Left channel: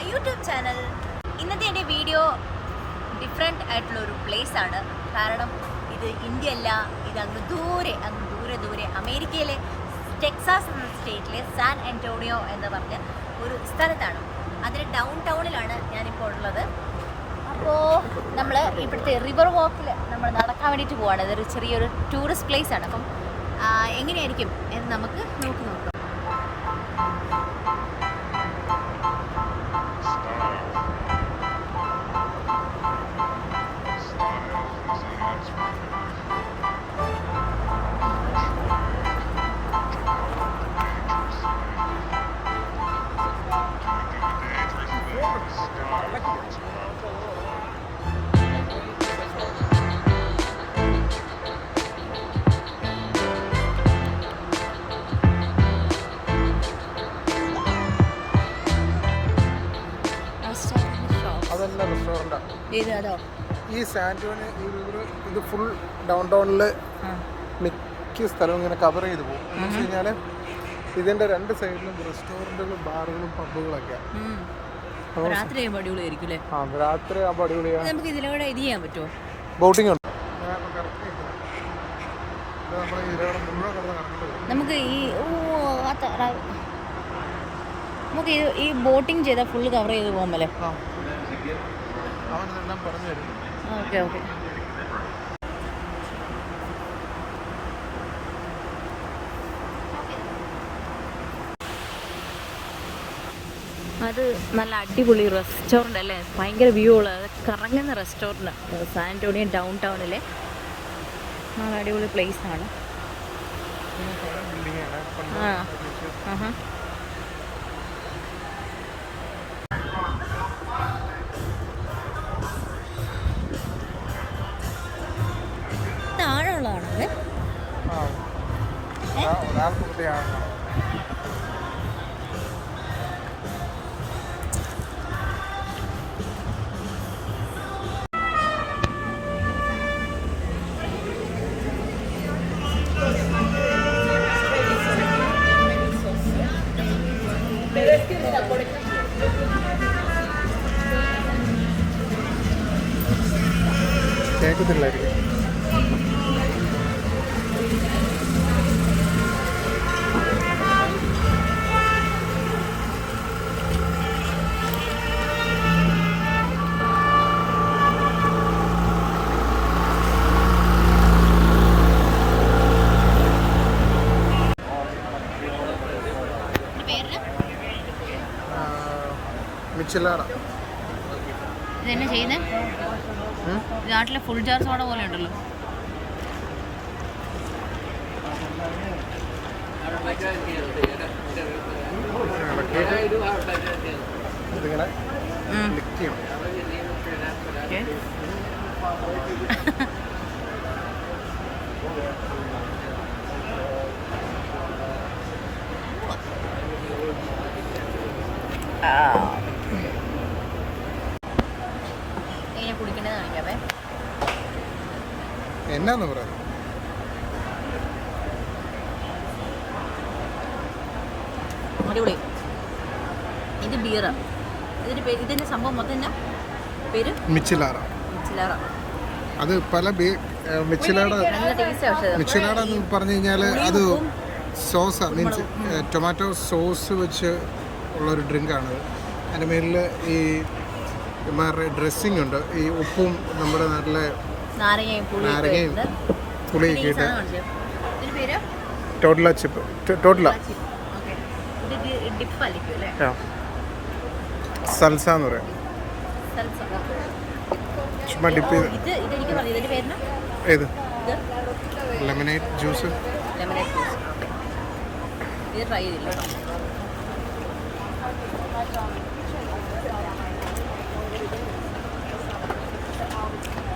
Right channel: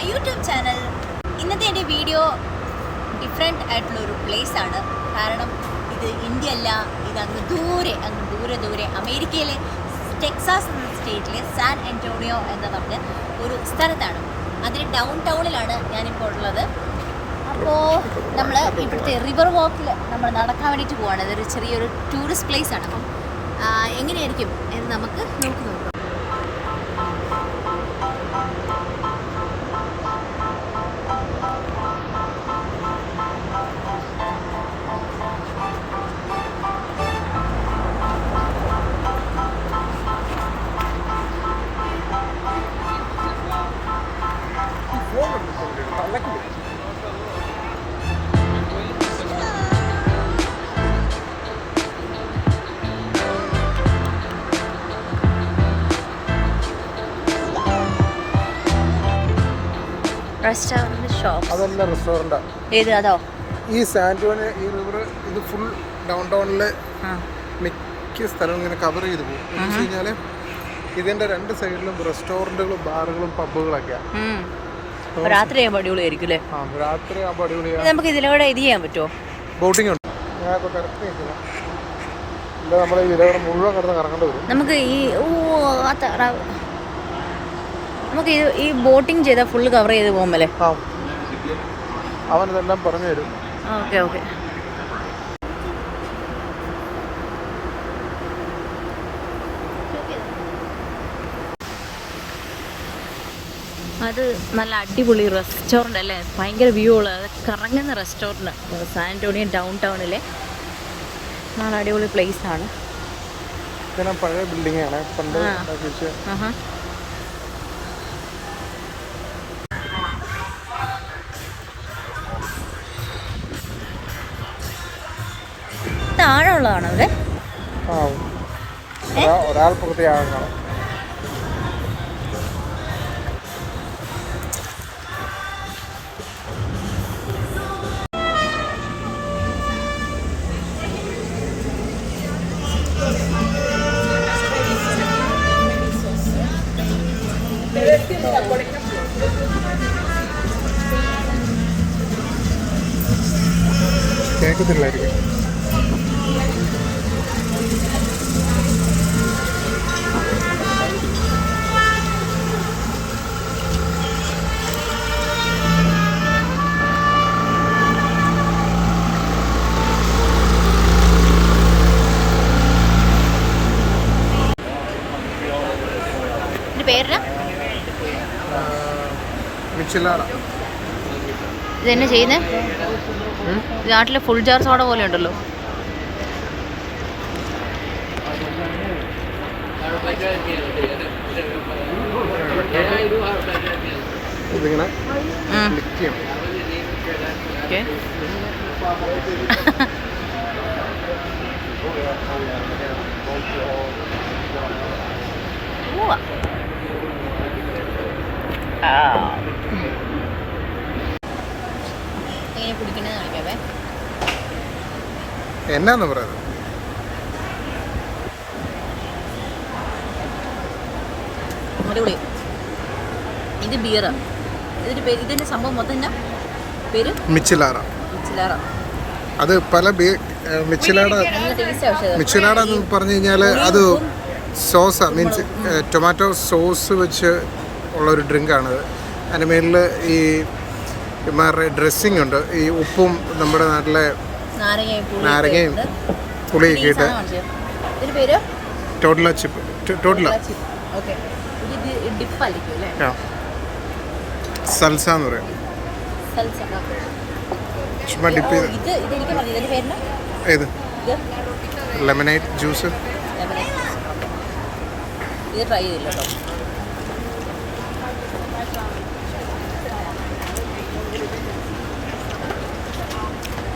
My YouTube channel. ഇന്നത്തെ എൻ്റെ video different ആയിട്ടുള്ളൊരു പ്ലേസാണ്. കാരണം ഇത് ഇന്ത്യ അല്ല, ഇത് അങ്ങ് ദൂരെ അമേരിക്കയിലെ ടെക്സാസ് എന്ന സ്റ്റേറ്റിലെ സാൻ ആൻ്റോണിയോ എന്ന് പറഞ്ഞ ഒരു സ്ഥലത്താണ്. അതിന് ഡൗൺ ടൗണിലാണ് ഞാനിപ്പോൾ ഉള്ളത്. അപ്പോൾ നമ്മൾ ഇവിടുത്തെ റിവർ വാക്കിൽ നമ്മൾ നടക്കാൻ വേണ്ടിയിട്ട് പോവാണ്. ഇതൊരു ചെറിയൊരു ടൂറിസ്റ്റ് പ്ലേസാണ്. അപ്പം എങ്ങനെയായിരിക്കും എന്ന് നമുക്ക് നോക്കാം. റെസ്റ്റോറൻറ്റ് ഷോപ്പ് അതല്ല റെസ്റ്റോറൻറ്റാ. ഏത് അതോ? ഈ സാൻറ്റോണി ഈ റിവർ ഇത് ഫുൾ ഡൗൺ ടൗണിൽ മിക്ക സ്ഥലവും ഇങ്ങനെ കവർ ചെയ്ത് പോകും. എന്ന് വെച്ച് കഴിഞ്ഞാൽ ഇതിൻ്റെ രണ്ട് സൈഡിലും റെസ്റ്റോറൻറ്റുകളും ബാറുകളും പബ്ബുകളൊക്കെയാണ്. രാത്രി ആകുമ്പോൾ അടിപൊളിയായിരിക്കും അല്ലേ? രാത്രി ആകുമ്പോൾ അടിപൊളിയാണ്. നമുക്ക് ഇതിലൂടെ ഇത് ചെയ്യാൻ പറ്റുമോ? ബോട്ടിംഗ് ഉണ്ട്. നമ്മൾ ഇതിലൂടെ മുഴുവൻ കിടന്ന് കറങ്ങേണ്ടി വരും. നമുക്ക് ഈ ബോട്ടിംഗ് ചെയ്താൽ ഫുള്ള് കവർ ചെയ്ത് പോകുമല്ലേ? അവൻ ഇതെല്ലാം പറഞ്ഞു തരും. ഓക്കെ. അത് നല്ല അടിപൊളി റെസ്റ്റോറൻ്റ് അല്ലേ? ഭയങ്കര വ്യൂ ഉള്ള കറങ്ങുന്ന റെസ്റ്റോറൻറ്റ്. സാൻ ആൻ്റോണിയോ ഡൗൺ ടൗണിലെ നല്ല അടിപൊളി പ്ലേസ് ആണ്. പഴയ ബിൽഡിംഗ് ആണ്. താഴെയുള്ളതാണോ അവിടെ? ഒരാൾ പ്രത്യേകം കേൾക്കത്തില്ലായിരിക്കും. ഇതെന്നെ ചെയ്യുന്നത് നാട്ടിലെ ഫുൾ ജാർ സോഡ പോലെ ഉണ്ടല്ലോ. എങ്ങനെ കുടിക്കണേന്ന് കാണിക്കാവേ. എന്നാന്ന് പറയുന്നത്? അടിപൊളി. ഇത് ബിയറ്. ഇതിന്റെ സംഭവം മൊത്തം എന്നാ പേര്? മിച്ചിലാറ. അത് പല മിച്ചിലാട എന്ന് പറഞ്ഞു കഴിഞ്ഞാൽ അത് സോസാ, മീൻസ് ടൊമാറ്റോ സോസ് വെച്ച് ഉള്ളൊരു ഡ്രിങ്കാണത്. അതിൻ്റെ മേലിൽ ഈ ഇമാരുടെ ഡ്രസ്സിങ് ഉണ്ട്. ഈ ഉപ്പും നമ്മുടെ നാട്ടിലെ നാരങ്ങയും പുളിയൊക്കെ ഇട്ട് ടോട്ടല ചിപ്പ്. സൽസ എന്ന് പറയും. ചുമ്മാ ഡിപ്പ് ചെയ്ത്. ഏത്? Lemonade juice. ഇത് ട്രൈ ചെയ്തില്ല കേട്ടോ.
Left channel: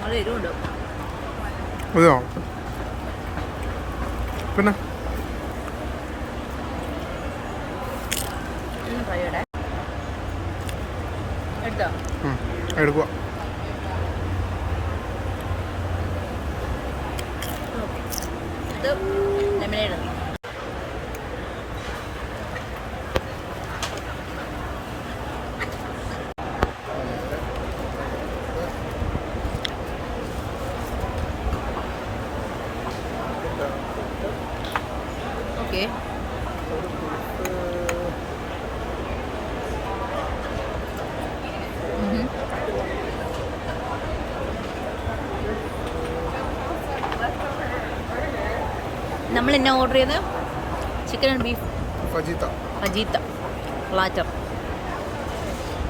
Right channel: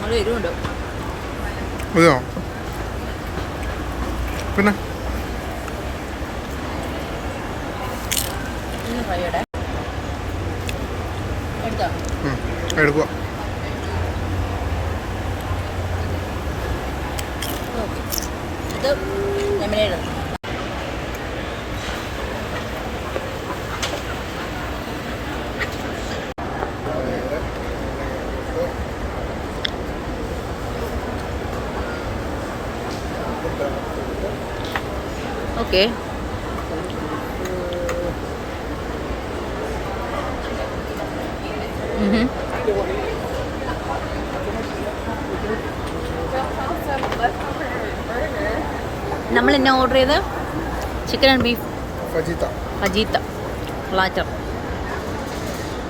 നല്ല എരിവുണ്ടോ? അതെയോ? പിന്നെ ട്രൈ ചെയ്യട്ടെ. എടുത്തോ? എടുക്കുക. ഇത് ലെമനേഡ്. ഓക്കെ. നമ്മൾ എന്നാ ഓർഡർ ചെയ്ത്? Chicken and beef fajita platter.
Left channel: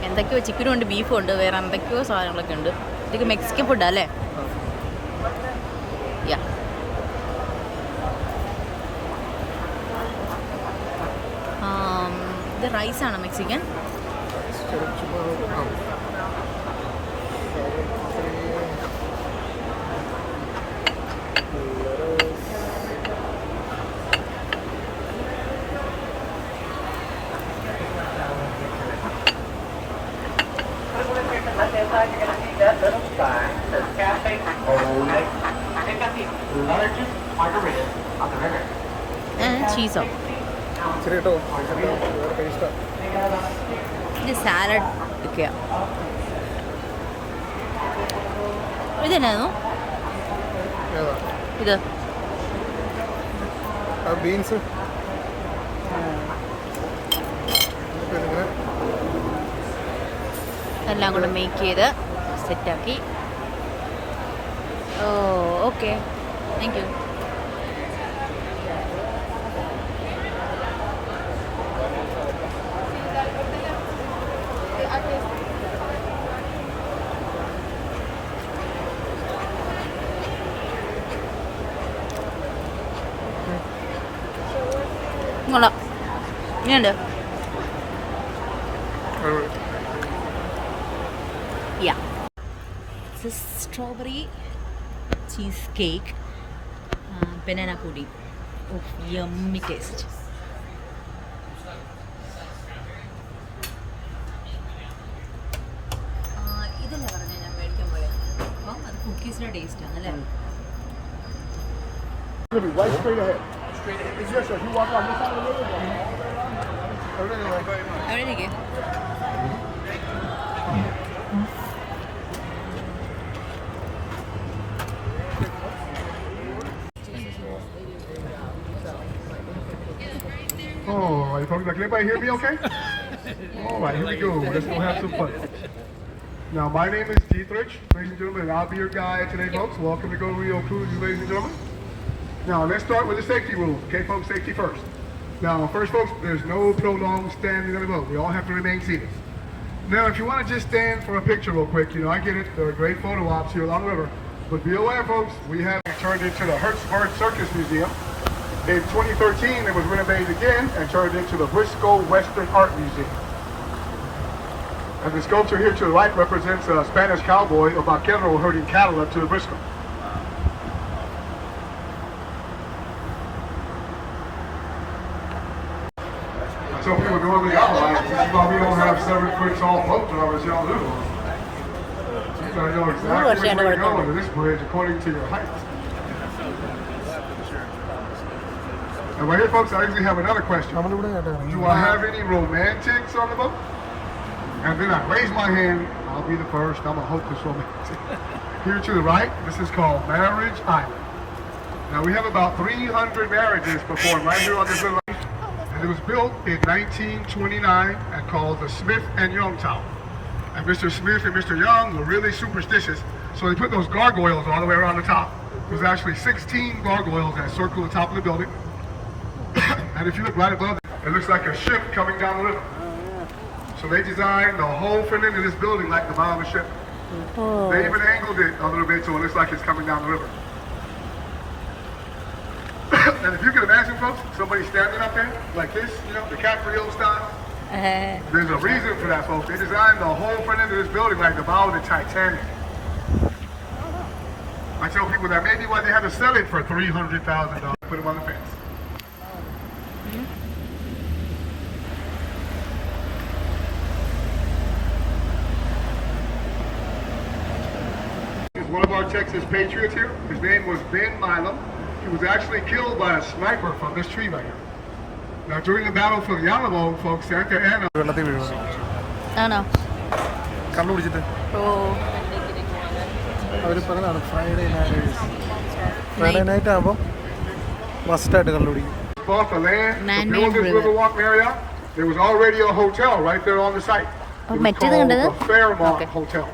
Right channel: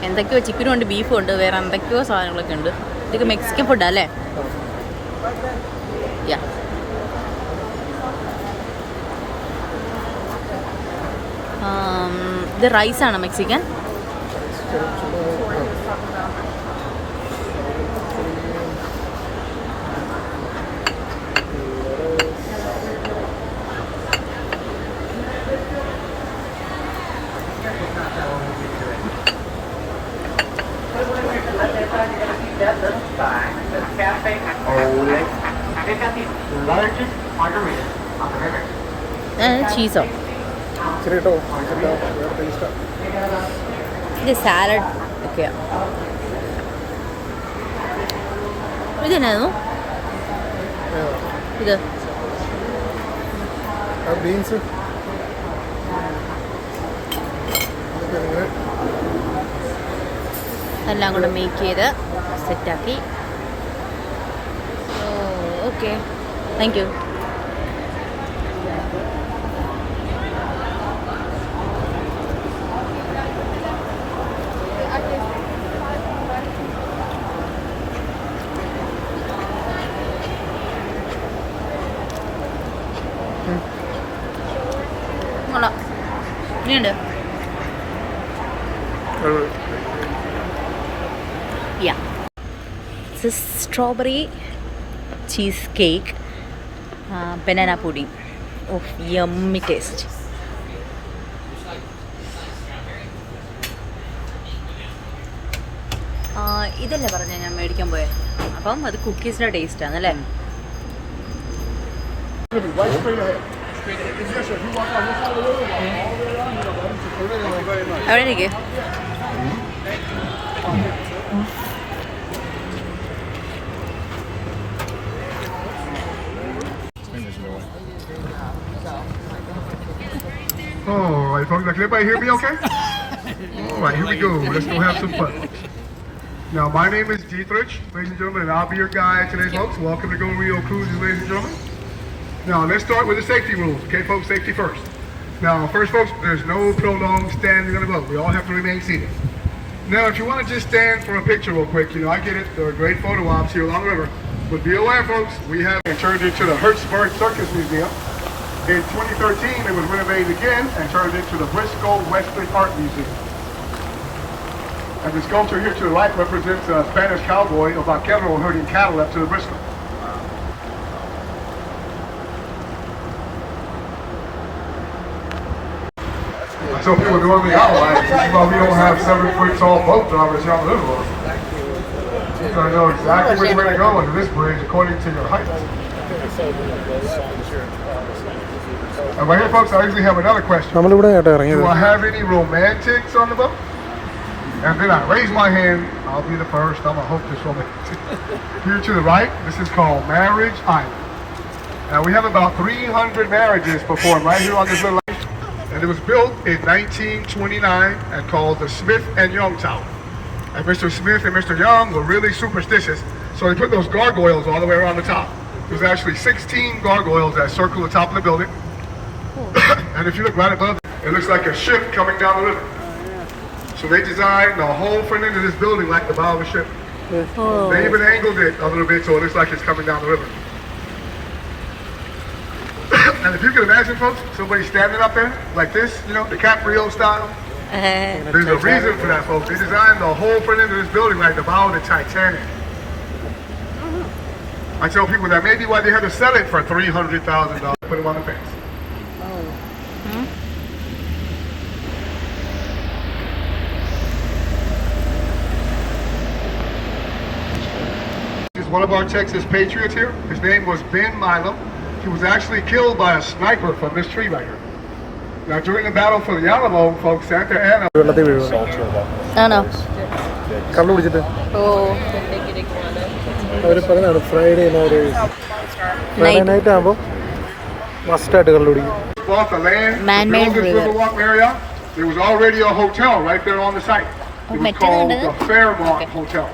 എന്തൊക്കെയോ ചിക്കനും ഉണ്ട്, ബീഫും ഉണ്ട്, വേറെ എന്തൊക്കെയോ സാധനങ്ങളൊക്കെ ഉണ്ട്. ഇതൊക്കെ മെക്സിക്കൻ ഫുഡാ അല്ലേ? യാ. ഇത് റൈസാണോ മെക്സിക്കൻ? ചീസോ? ഇത് സാലഡ് ഒക്കെയാ. ഇതെന്നായിരുന്നു ഇത്? ബീൻസ്. എല്ലാം കൂടെ മേക്ക് ചെയ്ത് സെറ്റാക്കി. Oh okay, thank you. ഇനിയുണ്ട്. Yeah, strawberry cheese cake, banana pudding. Of yummy taste. ഇതല്ലേ പറഞ്ഞ ഞാൻ മേടിക്കാൻ പോയത്? അപ്പം അത് കുക്കീസിൻ്റെ ടേസ്റ്റാണ് അല്ലേ? എവിടെ ഇരിക്കേ? All right, folks, can everybody hear me okay? All right, here we go. Let's go have some fun. Now, my name is Dietrich, ladies and gentlemen, and I'll be your guide today, folks. Welcome to Go Rio Cruises, ladies and gentlemen. Now, let's start with the safety rules, okay, folks? Safety first. Now, first, folks, there's no prolonged standing on the boat. We all have to remain seated. Now, if you want to just stand for a picture real quick, you know, I get it. There are great photo ops here along the river. But be aware, folks, we have turned into the Hertzberg Circus Museum. In 2013, it was renovated again and turned into the Briscoe Western Art Museum. And the sculpture here to the right represents a Spanish cowboy, a vaquero, herding cattle up to the Briscoe. So people normally out like, this is why we don't have 7-foot tall boat drivers here on the river. You gotta know exactly which way to go into this bridge according to your height. And right here, folks, I actually have another question. Do I have any romantics on the boat? And then I raise my hand. I'll be the first. I'm a hopeless romantic. Here to the right, this is called Marriage Island. Now, we have about 300 marriages performed right here on this little island. And it was built in 1929 and called the Smith and Young Tower. And Mr. Smith and Mr. Young were really superstitious, so they put those gargoyles all the way around the top. There's actually 16 gargoyles that circle the top of the building. And if you look right above it, it looks like a ship coming down the river. So they designed the whole front end of this building like the bow of a ship. Oh. They even angled it a little bit so it looks like it's coming down the river. And if you can imagine, folks, somebody standing up there like this, you know, DiCaprio style. There's a reason for that, folks. They designed the whole front end of this building like the bow of the Titanic. I tell people that may be why they had to sell it for $300,000. Put them on the face. One of our Texas patriots here. His name was Ben Milam. He was actually killed by a sniper from this tree right here. Now, during the battle for the Alamo, folks, Santa Ana. ആണോ? കള്ളു കുടിച്ചിട്ട് അവർ പറഞ്ഞാണ് Friday night ആകുമ്പോൾ മസ്റ്റായിട്ട് കണ്ടുപിടിക്കും. Bought the land, to Man-made build this river. Riverwalk area. There was already a hotel right there on the site. It was called the Fairmont Hotel.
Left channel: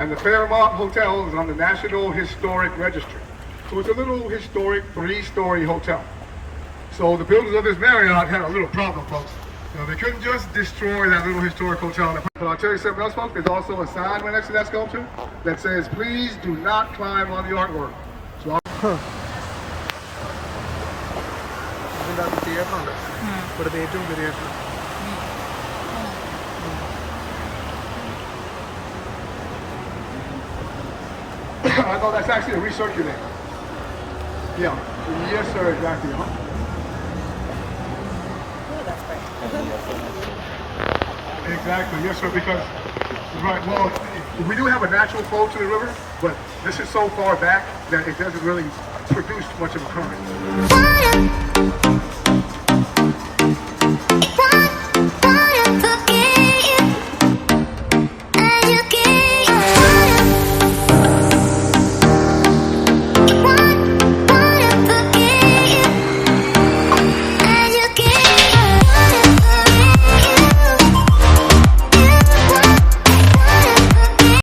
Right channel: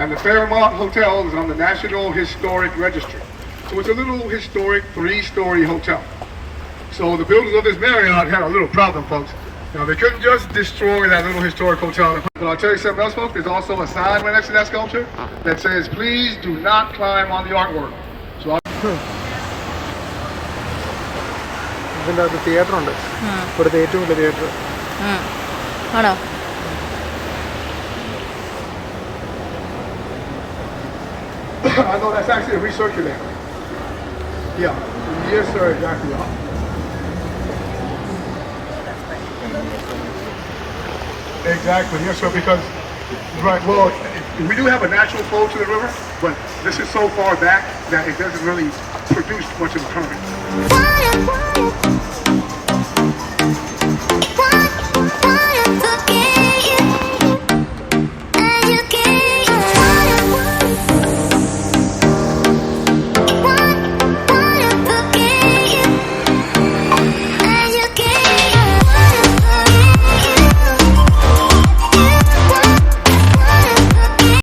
And the Fairmont Hotel is on the National Historic Registry. So it's a little historic 3-story hotel. So the builders of this Marriott had a little problem, folks. You know, they couldn't just destroy that little historic hotel. But I'll tell you something else, folks. There's also a sign right next to that sculpture that says, please do not climb on the artwork. So ഇതിൻ്റെ അകത്ത് theatre ഉണ്ട്, ഇവിടുത്തെ ഏറ്റവും വലിയ theatre. ആണോ? I know that's actually a recirculator. Yeah. Yes, sir. Exactly. Huh? Exactly. Yes, sir. Because right. Well, we do have a natural flow to the river, but this is so far back that it doesn't really produce much of a current.